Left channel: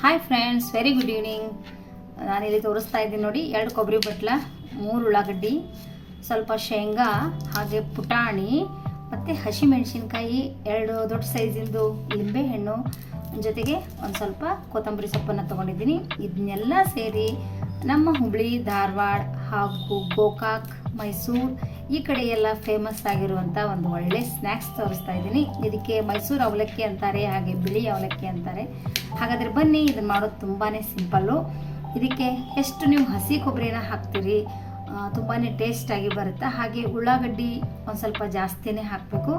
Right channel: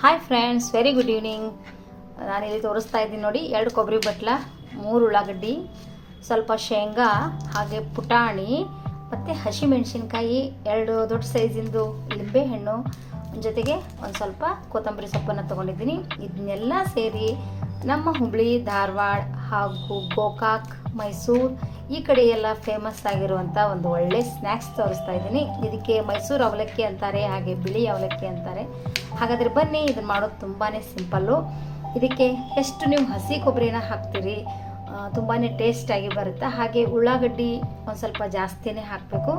Hi friends very good evening ಇಲ್ಲಿ ತೋರಿಸ್ತಾ ಇದ್ದೀನಿ ನೋಡಿ, ಎರಡು ಕೊಬ್ಬರಿ ಬಟ್ಲ, ಮೂರು ಉಳ್ಳಾಗಡ್ಡಿ, ಸ್ವಲ್ಪ ಶೇಂಗಾ, ಹಾಗೆ ಪುಟಾಣಿ, ಮತ್ತು ಹಸಿಮೆಣಸಿನ್ಕಾಯಿ, ಎರಡು ದೊಡ್ಡ ಸೈಜಿಂದು ಲಿಂಬೆಹಣ್ಣು ಜೊತೆಗೆ ಒಂದು ಸ್ವಲ್ಪ ಕೊತ್ತಂಬರಿ ಸೊಪ್ಪನ್ನು ತೊಗೊಂಡಿದ್ದೀನಿ. ಇದನ್ನೆಲ್ಲ ಸೇರಿ ನಮ್ಮ ಹುಬ್ಳಿ, ಧಾರವಾಡ ಹಾಗೂ ಗೋಕಾಕ್, ಮೈಸೂರು, ಈ ಕಡೆ ಎಲ್ಲ ಫೇಮಸ್ ಆಗಿರುವಂಥ ಒಂದು ಒಳ್ಳೆ ಸ್ನ್ಯಾಕ್ಸ್ ತೋರಿಸ್ತಾ ಇದ್ದೀನಿ. ಇದಕ್ಕೆ ಮೈಸೂರು ಅವಲಕ್ಕಿ ಅಂತಾರೆ, ಹಾಗೆ ಬಿಳಿ ಅವಲಕ್ಕಿ ಅಂತಾರೆ. ಹಾಗಾದರೆ ಬನ್ನಿ ಇದನ್ನ ಮಾಡೋದು ತುಂಬಾ ಸಿಂಪಲ್ಲು. ಇದಕ್ಕೆ ಎಷ್ಟು ನೀವು ಹಸಿ ಕೊಬ್ಬರಿನ ಹಾಕ್ತೀರಿ ತುಂಬಾ ಟೇಸ್ಟಾಗಿ ಬರುತ್ತೆ. ಹಾಗೆ ಉಳ್ಳಾಗಡ್ಡಿ ಒಂದು ಸ್ವಲ್ಪ ಜಾಸ್ತಿನೇ ಹಾಕಬೇಕು.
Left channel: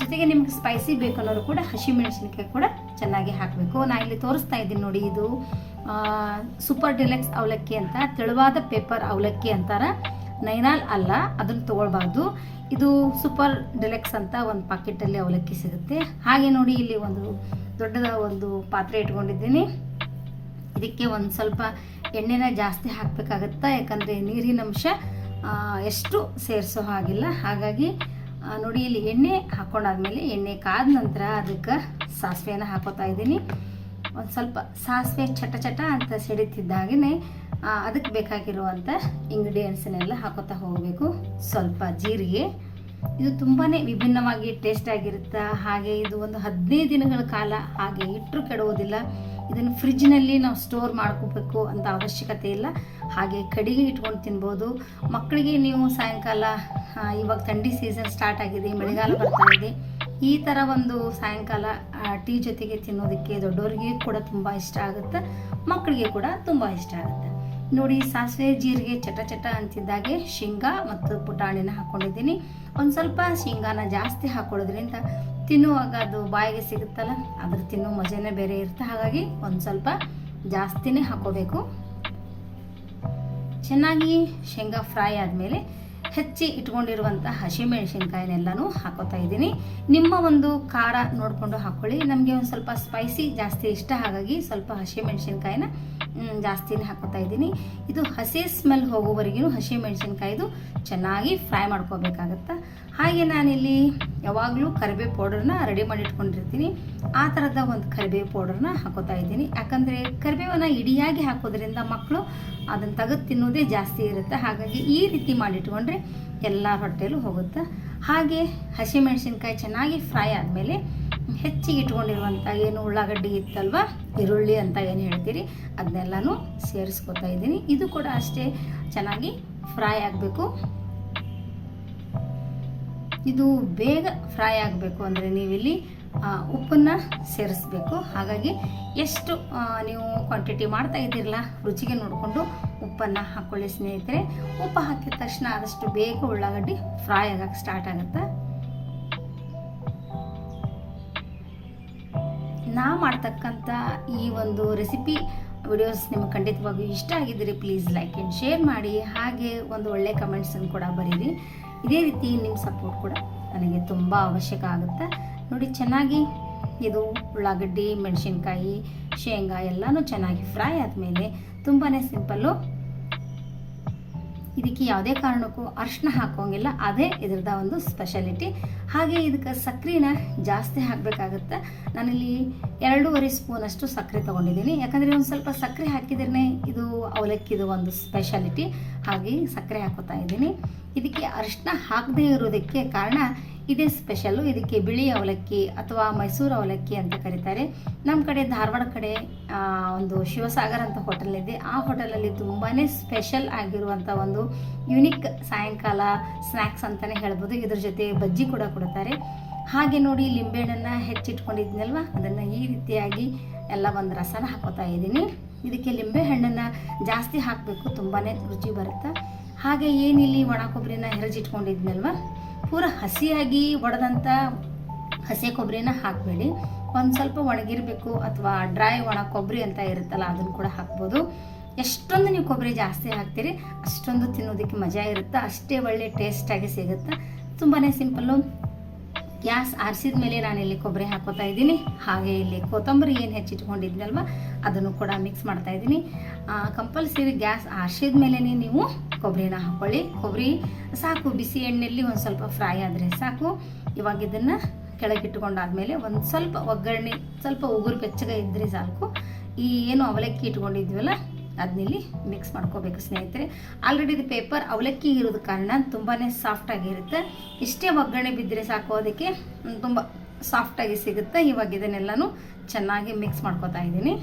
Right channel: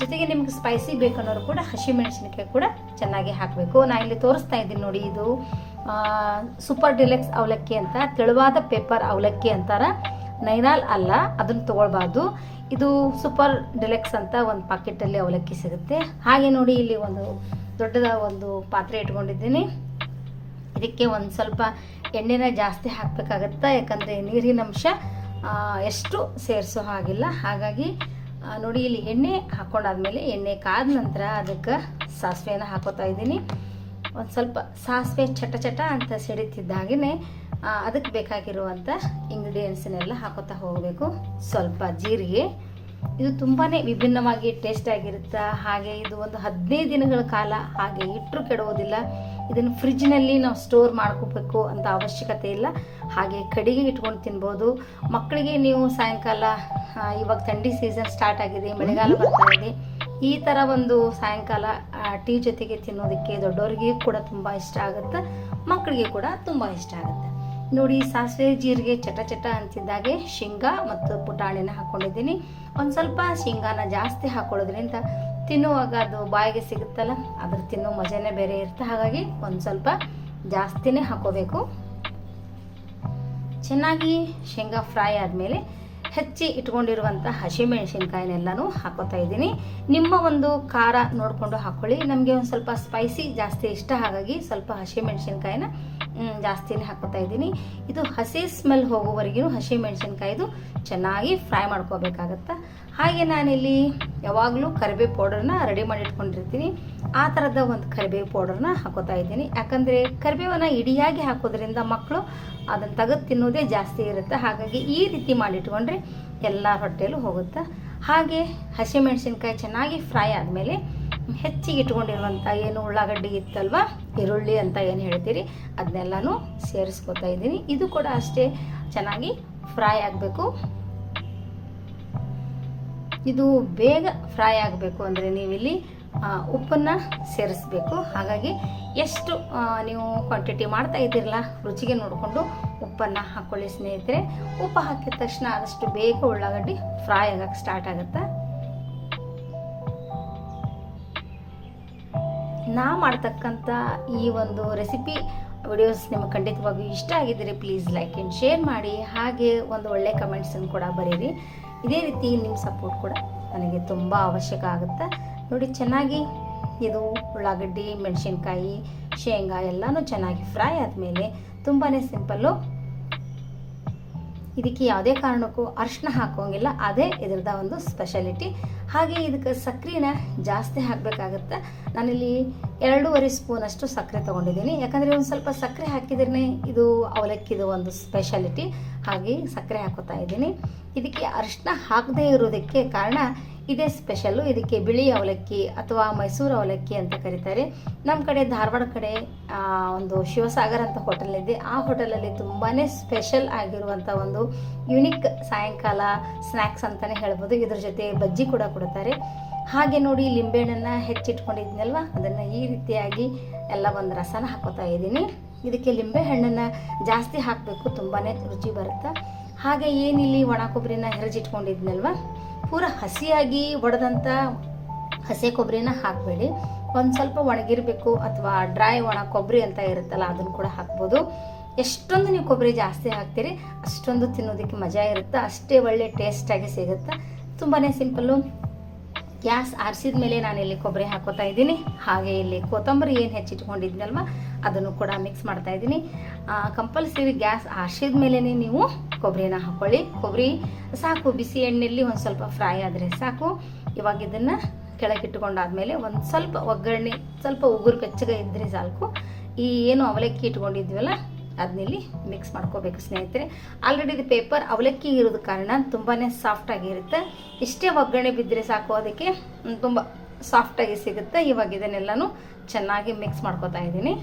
ಜೊತೆಗೆ ನಿಮ್ಗೆ ಸ್ಪೈಸಿ ಬೇಕು ಅನ್ನೋರು ಕೂಡ ಹಸಿಮೆಣಸಿನಕಾಯಿ ಕೂಡ ಚೆನ್ನಾಗಿ ಹಾಕಬೇಕು. ನಾನು ಇಲ್ಲಿ ತೋರಿಸ್ತಾ ಇದ್ದೀನಿ ನೋಡಿ ಇದು ಸೂಪರ್ ಡಿಲೆಕ್ಸ್ ಅವಲಕ್ಕಿ ಅಂತ, ತೆಳುವಾದ ಪೇಪರ್ ಅವಲಕ್ಕಿ ಅಂತಾರ. ನೈನಾಲ್ ಅಲ್ಲ, ಅದನ್ನು ತಗೊಳ್ಬಾರ್ದು. ಇದು ಸೂಪರ್ ಡಿಲೆಕ್ಸ್ ಅಂತ ಒಂದು ಪಾಕೆಟಲ್ಲಿ ಅವಲಕ್ಕಿ ಸಿಗುತ್ತೆ. ಹಾಗೆ ನೋಡಿ ಇಲ್ಲಿ ಒಂದು ದೊಡ್ಡದ ಒಂದು ಪಾತ್ರೆ ಇಟ್ಕೊಂಡಿದ್ದೀನಿ. ಇದಕ್ಕೆ ಒಂದು ಸ್ವಲ್ಪ ಎಣ್ಣೆನ ಜಾಸ್ತಿ ಹಾಕಬೇಕಾಗತ್ತಾ, ಯಾಕಂದರೆ ನೀರಿನ ಅಂಶ ಎಷ್ಟು ಸೇರಿಸೋ ಹಾಗಿಲ್ಲ. ಹಾಗಾಗಿ ನೋಡಿ, ಇಲ್ಲಿ ಎಣ್ಣೆ ಹಾಕ್ಕೊಂಡಾದ್ಮೇಲೆ ಎಣ್ಣೆ ಕಾದ ನಂತರ ಅದಕ್ಕೆ ಸಾಸಿವೆನ ಹಾಕೋತಾ ಇದ್ದೀನಿ. ಒಂದು ಸ್ವಲ್ಪ ಸಾಸಿವೆ ಚಟ ಚಟ ಅಂತ ಸಿಡಿತಿದ್ದಾಗೇ ಅದಕ್ಕೆ ಬೇಕಾಗಿರುವಂಥ ಇಂಗ್ರೀಡಿಯೆಂಟ್ಸನ್ನೆಲ್ಲ ಹಾಕೋತಾ ಹೋಗಬೇಕು. ಸ್ವಲ್ಪ ಜೀರಿಗೆ ಇದು ತುಂಬಾ ವಿಭಿನ್ನವಾಗಿ ಟೇಸ್ಟ್ ಆಗಿರುತ್ತೆ. ಹಾಗೆ ಇದು ಒಂದು ಹದಿನೈದು ದಿನಗಳ ಕಾಲ ಹಾಗೆ ಇಟ್ಟರು ಕೆಡುವುದಿಲ್ಲ ಇದನ್ನು ಫ್ರಿಜ್ನಲ್ಲಿ ನಾವು ಸ್ಟೋರ್ ಮಾಡ್ಕೋಬೇಕು ಅಂತ ಅವಶ್ಯಕತೆ ಇಲ್ಲ. ಹಾಗೆ ಕಡಿಗೆ ಇಟ್ಕೊಂಡು ತಿನ್ಬೋದು. ಮಕ್ಕಳಿಗೆ ನೀವು ಸಾಯಂಕಾಲ ಇವಾಗ ಥಂಡಿ ಸೀಸನ್ ಸ್ಟಾರ್ಟ್ ಆಗಿದೆ ಮಳೆಗಾಲ ಬರ್ತಾ ಇದೆ. ಈ ಥರ ಒಂದು ಸಾಯಂಕಾಲ ಟೀ ಜೊತೆಗೆ ತಿನ್ನೋದಕ್ಕೆ ದೊಡ್ಡವರಿಗೆ ಕೂಡ ತುಂಬ ಇಷ್ಟ ಆಗುತ್ತೆ. ಮಕ್ಕಳಿಗೆ ಕೂಡ ತುಂಬ ಇಷ್ಟ ಆಗುತ್ತೆ. ನೋಡಿ ಸಾಸಿವೆ ಜೀರಿಗೆ ಚಟ ಚಟ ಅಂತಿದ್ದಾಗೆ ಶೇಂಗಾ ಮತ್ತು ಪುಟಾಣಿನ ಹಾಕೊಂಡಿದ್ದೀನಿ. ಒಂದು ಸ್ವಲ್ಪ ಶೇಂಗಾನ ಜಾಸ್ತಿ ಹಾಕೊಳ್ಳೋದ್ರಿಂದ ತಿನ್ನುವಾಗ ಅದು ಬಾಯಿಗೆ ಸಿಗುತ್ತಲ್ಲ, ಅದ್ರ ತಿನ್ನೋ ಮಜಾನೇ ಬೇರೆ ಇರುತ್ತೆ. ಹಾಗಾಗಿ ಒಂದು ಸ್ವಲ್ಪ ಜಾಸ್ತಿನೇ ಹಾಕೋಬೇಕು. ಚೆನ್ನಾಗಿ ಶೇಂಗಾ ಫ್ರೈ ಆದಮೇಲೆ ಹೆಚ್ಚಿ ಇಟ್ಕೊಂಡಿರುವಂಥ ಹಸಿಮೆಣಸಿನ್ಕಾಯಿನೆಲ್ಲನೂ ಹಾಕೋತಾ ಇದ್ದೀನಿ. ನಿಮ್ಮ ಒಂದು ಖಾರ ನೋಡಿಕೊಂಡು ಹಾಕ್ಕೊಳ್ಳಿ ನಮಗೆ ಒಂದು ಸ್ವಲ್ಪ ಸ್ಪೈಸಿ ಜಾಸ್ತಿ ಇಷ್ಟ, ಹಾಗಾಗಿ ಸ್ವಲ್ಪ ಹಸಿಮೆಣಸಿನ್ಕಾಯಿನ ಜಾಸ್ತಿನೇ ಹಾಕೋತಾ ಇದ್ದೀನಿ. ಇದು ಹಸಿ ಸ್ಮೆಲ್ ಹೋಗೋವರೆಗೂ ಹಸಿಮೆಣಸಿನ್ಕಾಯಿದು ಚೆನ್ನಾಗಿ ಫ್ರೈ ಮಾಡ್ಕೋಬೇಕಾಗತ್ತೆ? ಹಾಗೆ ನಾನಿಲ್ಲಿ ಯಾವಾಗಲೂ ಕರಿಬೇವು ಪೌಡರ್ನ ರೆಡಿ ಮಾಡಿ ಇಟ್ಕೊಂಡಿರ್ತೀನಿ ಆ ಥರದ ಒಂದು ಕರಿಬೇವು ಪೌಡರ್ನ ಹಾಕೋತಾ ಇದ್ದೀನಿ. ಯಾಕಂದರೆ ಕರಿಬೇವನ್ನ ಇಡಿಯಾಗಿ ಹಾಕೋದ್ರಿಂದ ಮಕ್ಕಳು ಅದನ್ನು ತೆಗೆದು ತಿನ್ನೋದೇ ಜಾಸ್ತಿ ಇರುತ್ತೆ. ಹಾಗಾಗಿ ಈ ರೀತಿ ಮಾಡಿಟ್ಕೊಂಡ್ರೆ ಎಲ್ಲ ಹೊಟ್ಟೆಲೂ ಹೋಗುತ್ತೆ. ಹಾಗೆ ಹಸಿಮೆಣಸಿನ್ಕಾಯಿ ಚೆನ್ನಾಗಿ ಫ್ರೈ ಆದಮೇಲೆ ಹೆಚ್ಚಿಗೆ ಇಟ್ಕೊಂಡಿರುವಂಥ ಏನು ಉಳ್ಳಾಗಡ್ಡಿ ಇತ್ತಲ್ವ? ಈರುಳ್ಳಿ ಅಂತ ಏನು ಹೇಳ್ತೀರಿ? ಅದನ್ನೆಲ್ಲನೂ ಸೇರಿಸ್ಕೊತಾ ಇದ್ದೀನಿ. ಇದು ಕೂಡ ಅಷ್ಟೇ ಚೆನ್ನಾಗಿ ಫ್ರೈ ಆಗಬೇಕು. ಇದು ಬೇಗ ಫ್ರೈ ಆಗಬೇಕು ಅಂದರೆ ನೀವಿಲ್ಲಿ ಉಪ್ಪನ್ನು ಸೇರಿಸ್ಬೇಕು. ಹಾಗಾಗಿ ಎಷ್ಟು ನೀವು ಕ್ವಾಂಟಿಟಿ ಮಾಡ್ತಾ ಇದ್ದೀರಲ್ಲ, ರುಚಿಗೆ ನೋಡಿಕೊಂಡು ಉಪ್ಪನ್ನು ಹಾಕ್ಕೊಳ್ಳಿ ಸ್ನೇಹಿತರೆ. ಉಪ್ಪು ಹಾಕಿದ ತಕ್ಷಣ ಆದಷ್ಟು ಬೇಗ ಉಳ್ಳಾಗಡ್ಡಿ ಫ್ರೈ ಆಗಕ್ಕೆ ಸ್ಟಾರ್ಟ್ ಆಗುತ್ತೆ. ನಾ ಮಾಡ್ತಕ್ಕಂಥ ಈ ಒಂದು ರೆಸಿಪಿ ವಿಡಿಯೋಸ್ ನಿಮಗೆ ಖಂಡಿತವಾಗಿಯೂ ಇಷ್ಟ ಆಗಿದ್ದರೆ ಪ್ಲೀಸ್ ಲೈಕ್ ಆ್ಯಂಡ್ ಶೇರ್ ಮಾಡಿ, ಹಾಗೆ ಒಂದು ಒಳ್ಳೆ ಕಮೆಂಟ್ಸನ್ನು ಕೂಡ ಬರೀರಿ. ಇದೇ ರೀತಿ ನಿಮ್ಮ ಸಪೋರ್ಟ್ ಕೂಡ ನನಗೆ ತುಂಬ ಅವಶ್ಯಕ ಆಗುತ್ತೆ. ನೋಡಿ, ಚೆನ್ನಾಗಿ ಇದು ಉಳ್ಳಾಗಡ್ಡಿ, ಮೆಣಸಿನ್ಕಾಯಿ, ಶೇಂಗಾ ಎಲ್ಲನೂ ಚೆನ್ನಾಗಿ ಫ್ರೈ ಆದಮೇಲೆ ತುಂಬಾ ಸಿಂಪಲ್ಲು ಇದಕ್ಕೆ ಯಾವುದೇ ಕಾರಣಕ್ಕೂ ಅರ್ಶಿನ ಹಾಕೋಂಗಿಲ್ಲ ಅದೇ ಇದರದ ಒಂದು ಸ್ಪೆಷಾಲಿಟಿ ಹಾಗೆ ಇದಕ್ಕೆ ಸಕ್ಕರೆನ ಜಾಸ್ತಿ ಹಾಕಬೇಕಾಗತ್ತೆ. ನಾನಿಲ್ಲಿ ಎರಡೂವರೆ ಸ್ಪೂನಷ್ಟು ಸಕ್ಕರೆ ತೊಗೊಂಡಿದ್ದೀನಿ. ಯಾಕಂದರೆ ಒಂದು ಸ್ವಲ್ಪ ಸಕ್ಕರೆ ಹಾಕಿದ್ರೆ ಇದು ಅವಲಕ್ಕಿದು ಒಂದು ಸ್ಪೆಷಾಲಿಟಿ ಹಾಗೆ ಸಕ್ಕರೆ ಹಾಕೋತಾ ಇದ್ದೀನಿ. ಇದಕ್ಕೆ ಅರಿಶಿನ ಹಾಕದೇ ಇರೋದಕ್ಕೆ ಕಾರಣ ಇದೇ ಸ್ಪೆಷಲ್ಲು ಇದಕ್ಕೆ ಬಿಳಿ ಅವಲಕ್ಕಿ ಅಥವಾ ಮೈಸೂರು ಅವಲಕ್ಕಿ ಅಂತ ಕರೀತಾರೆ. ನಮ್ಮ ಕಡೆ ಧಾರವಾಡ ಕಡೆ ಒಂದು ಶಿವಸಾಗರ್ ಅಂತ ಹೋಟೆಲ್ ಇದೆ. ಆ ಹೋಟೆಲಲ್ಲಿ ತುಂಬಾ ಸ್ಪೆಷಲ್ ಆಗಿರುವಂಥ ಒಂದು ಯುನಿಕ್ ಸಾಯಂಕಾಲ ಸ್ನ್ಯಾಕ್ಸ್ ಅಂತಲೇ ಹೇಳ್ಬೋದು. ಇದ್ರ ಜೊತೆ ಬಜ್ಜಿ ಕೂಡ ಕೊಡ್ತಾರೆ. ಹಾಗೆ ನೋಡಿ ಲಿಂಬೆಹಣ್ಣನ್ನು ಹೆಚ್ಚಿಟ್ಕೊಂಡಿದ್ನಲ್ವ? ಅದನ್ನು ಈ ರೀತಿಯಾಗಿ ಎಲ್ಲ ಒಂದು ರಸನ ಹಾಕೋತಾ ಇದ್ದೀನಿ. ಇದಕ್ಕೆ ಲಿಂಬೆಹಣ್ಣನ್ನು ಜಾಸ್ತಿ ಹಾಕಬೇಕು. ತುಂಬಾ ರುಚಿ ಬರುತ್ತೆ? ಹಾಗೆ ಏನಿಲ್ಲಿ ಒಣ ಕೊಬ್ಬರಿನ ಹೆರಜಿಟ್ಕೊಂಡಿದ್ನಲ್ವ? ಪೂರ ಹಸಿಯಾಗಿ ಒಡೆದಂಥ ಹಸಿ ಕೊಬ್ಬರಿನ ಹಾಕಬೇಡಿ. ಒಂದು ಸ್ವಲ್ಪ ಒಣಗಿರಬೇಕು ಅಥವಾ ಡ್ರೈ ಒಣ ಕೊಬ್ಬರಿ ಅಂತ ಇರುತ್ತಲ್ಲ, ಅದನ್ನು ಕೂಡ ಹಾಕ್ಬೋದು. ಎಷ್ಟೊಂದು ನೀವು ಕೊಬ್ಬರಿ ಜಾಸ್ತಿ ಹಾಕ್ತೀರಿ, ಅಷ್ಟೊಂದು ತಿನ್ನೋದಕ್ಕೆ ಮಜಾ ಇರುತ್ತೆ. ಅಷ್ಟೇ ಒಳ್ಳೆ ಟೇಸ್ಟಾಗಿ ಸಿಗುತ್ತೆ. ತುಂಬಾ ಸಿಂಪಲ್ಲು ಗ್ಯಾಸ್ ಆರಿಸಿದ ಮೇಲೆ ನಾನು ಇಲ್ಲಿ ಕೊಬ್ಬರಿ ಹಾಕೋತಾ ಇದ್ದೀನಿ. ಹಾಗೆ ಇಲ್ಲಿ ಕೊತ್ತಂಬರಿ ಏನು ಹೆಚ್ಚಿಟ್ಕೊಂಡಿದ್ನಲ್ವ, ಅದನ್ನು ಕೂಡ ಮಿಕ್ಸ್ ಮಾಡ್ತಾ ಇದ್ದೀನಿ. ಕಂಪಲ್ಸರಿ ಗ್ಯಾಸ್ ಆರಿಸಿದ ಮೇಲೆ ನೀವು ಕೊಬ್ಬರಿನ ಹಾಕ್ಕೊಳ್ಳಿ ಕೊಬ್ಬರಿ ಸಾಕು, ಬಿಸಿ ಎಣ್ಣೆಯಲ್ಲಿ ಒಂದು ಸ್ವಲ್ಪ ಫ್ರೈ ಆದರೆ ಸಾಕು. ಇವಾಗ ಇದನ್ನು ಕೆಳಗಿಟ್ಟುಕೊಂಡಾದ್ಮೇಲೆ ಒಂದು ಸ್ವಲ್ಪ ಒಗ್ಗರಣೆ, ಸ್ವಲ್ಪ ಉಗುರು ಬೆಚ್ಚಗೆ ಇದ್ದರೆ ಸಾಕು. ಈ ಏನು ಅವಲಕ್ಕಿ ಇಟ್ಕೊಂಡಿದ್ವಲ್ಲ ಅದನ್ನಿಲ್ಲಿ ಮಿಕ್ಸ್ ಮಾಡ್ಕೋಬೇಕು ಸ್ನೇಹಿತರೆ. ಆಲ್ರೆಡಿ ಇದು ಪೇಪರ್ ಅವಲಕ್ಕಿ ಇರೋದ ಕಾರಣ ತುಂಬಾ ಸಾಫ್ಟಾಗಿರುತ್ತೆ ಇಷ್ಟೇ ಒಗ್ಗರಣೆ ಬಿದ್ದರೆ ಸಾಕು, ಅದಕ್ಕೆ ತುಂಬ ಸಾಫ್ಟಾಗಿ ಸಿಗುತ್ತೆ. ಇವಾಗ ಇದನ್ನೆಲ್ಲನೂ ಚೆನ್ನಾಗಿ ಮಿಕ್ಸ್ ಮಾಡ್ಕೋತಾ ಇದ್ದೀನಿ.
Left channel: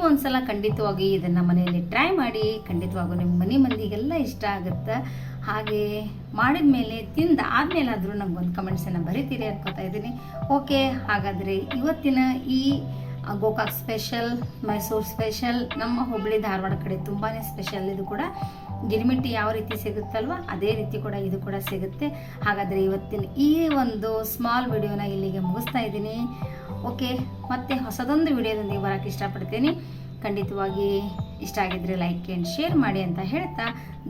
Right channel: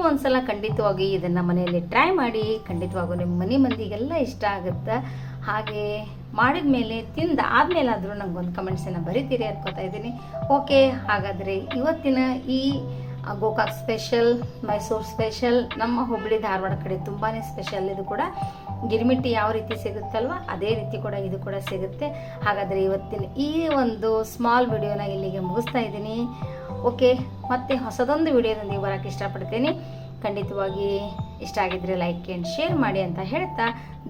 ನೀವು ಒಂದ್ಸಲ ಖಂಡಿತವಾಗಿ ಇದನ್ನು ಮನೆಯಲ್ಲಿ ಟ್ರೈ ಮಾಡಿ, ಖಂಡಿತವಾಗೂ ನಿಮ್ಮ ಮನೆ ಮಂದಿಗೆಲ್ಲ ಇಷ್ಟ ಆಗುತ್ತೆ. ಹಾಗೆ ಮಾಡಿದ ಮೇಲೆ ಒಂದು ನಂಗೊಂದು ಕಮೆಂಟ್ಸನ್ನು ಬರಿತೀರಿ ಅನ್ಕೋತಾ ಇದ್ದೀನಿ. ಓಕೆ ಹಾಗಾದರೆ ಇವತ್ತಿನ ಈ ಗೋಕಾಕ್ ಸ್ಪೆಷಲ್ ಮೈಸೂರು ಸ್ಪೆಷಲ್ ನಮ್ಮ ಹುಬ್ಬಳ್ಳಿ ಧಾರವಾಡ ಕಡೆ ತುಂಬಾ ಸ್ಪೆಷಲ್ ಇದು ಕೂಡ. ಗಿರಿಮಿಟ್ಟಿ ಯಾವ ರೀತಿ ಸಿಗುತ್ತಲ್ವ, ಅದೇ ರೀತಿ ಕೂಡ ಇದು ಕೂಡ ಸಿಗುತ್ತೆ. ಹಾಗಾದರೆ ಇವತ್ತಿನ ಈ ಒಂದು ಸ್ಮಾಲ್ ವಿಡಿಯೋನ ಇಲ್ಲಿಗೆ ಮುಗಿಸ್ತಾ ಇದ್ದೀನಿ. ಓಕೆ, ಮತ್ತೆ ಹೊಸದೊಂದು ವಿಡಿಯೋದೊಂದಿಗೆ ಬರೋಕ್ಕೆ ಇಷ್ಟಪಡ್ತೇನೆ. ಖಂಡಿತವಾಗಿ ಇಷ್ಟ ಆಗಿದ್ರೆ ಲೈಕ್ ಆ್ಯಂಡ್ ಶೇರ್ ಮಾಡಿ ಅಂತ ಹೇಳ್ತಾ,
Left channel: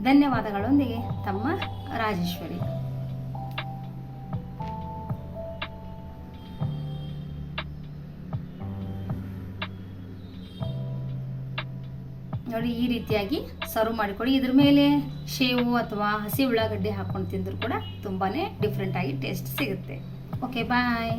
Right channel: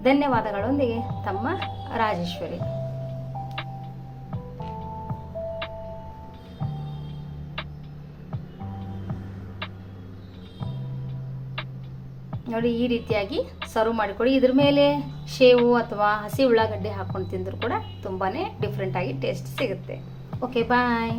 ಧನ್ಯವಾದಗಳೊಂದಿಗೆ ತಮ್ಮ ರಾಜೇಶ್ವರಿ. ನೋಡಿ, ಈ ರೀತಿಯಾಗಿ ಸರ್ವ್ ಮಾಡಿಕೊಡಿ ಇದ್ರ ಮೇಲೆ ಶೇವು ಅಥವಾ ಹಸಿ ಉಳ್ಳಾಗಡ್ಡೆ ಹಾಕೊಂಡು ತಿಂದರೂ ಕೂಡ ತುಂಬಾ ಡಿಫ್ರೆಂಟಾಗಿ ಟೇಸ್ಟ್ ಸಿಗುತ್ತೆ. Okay bye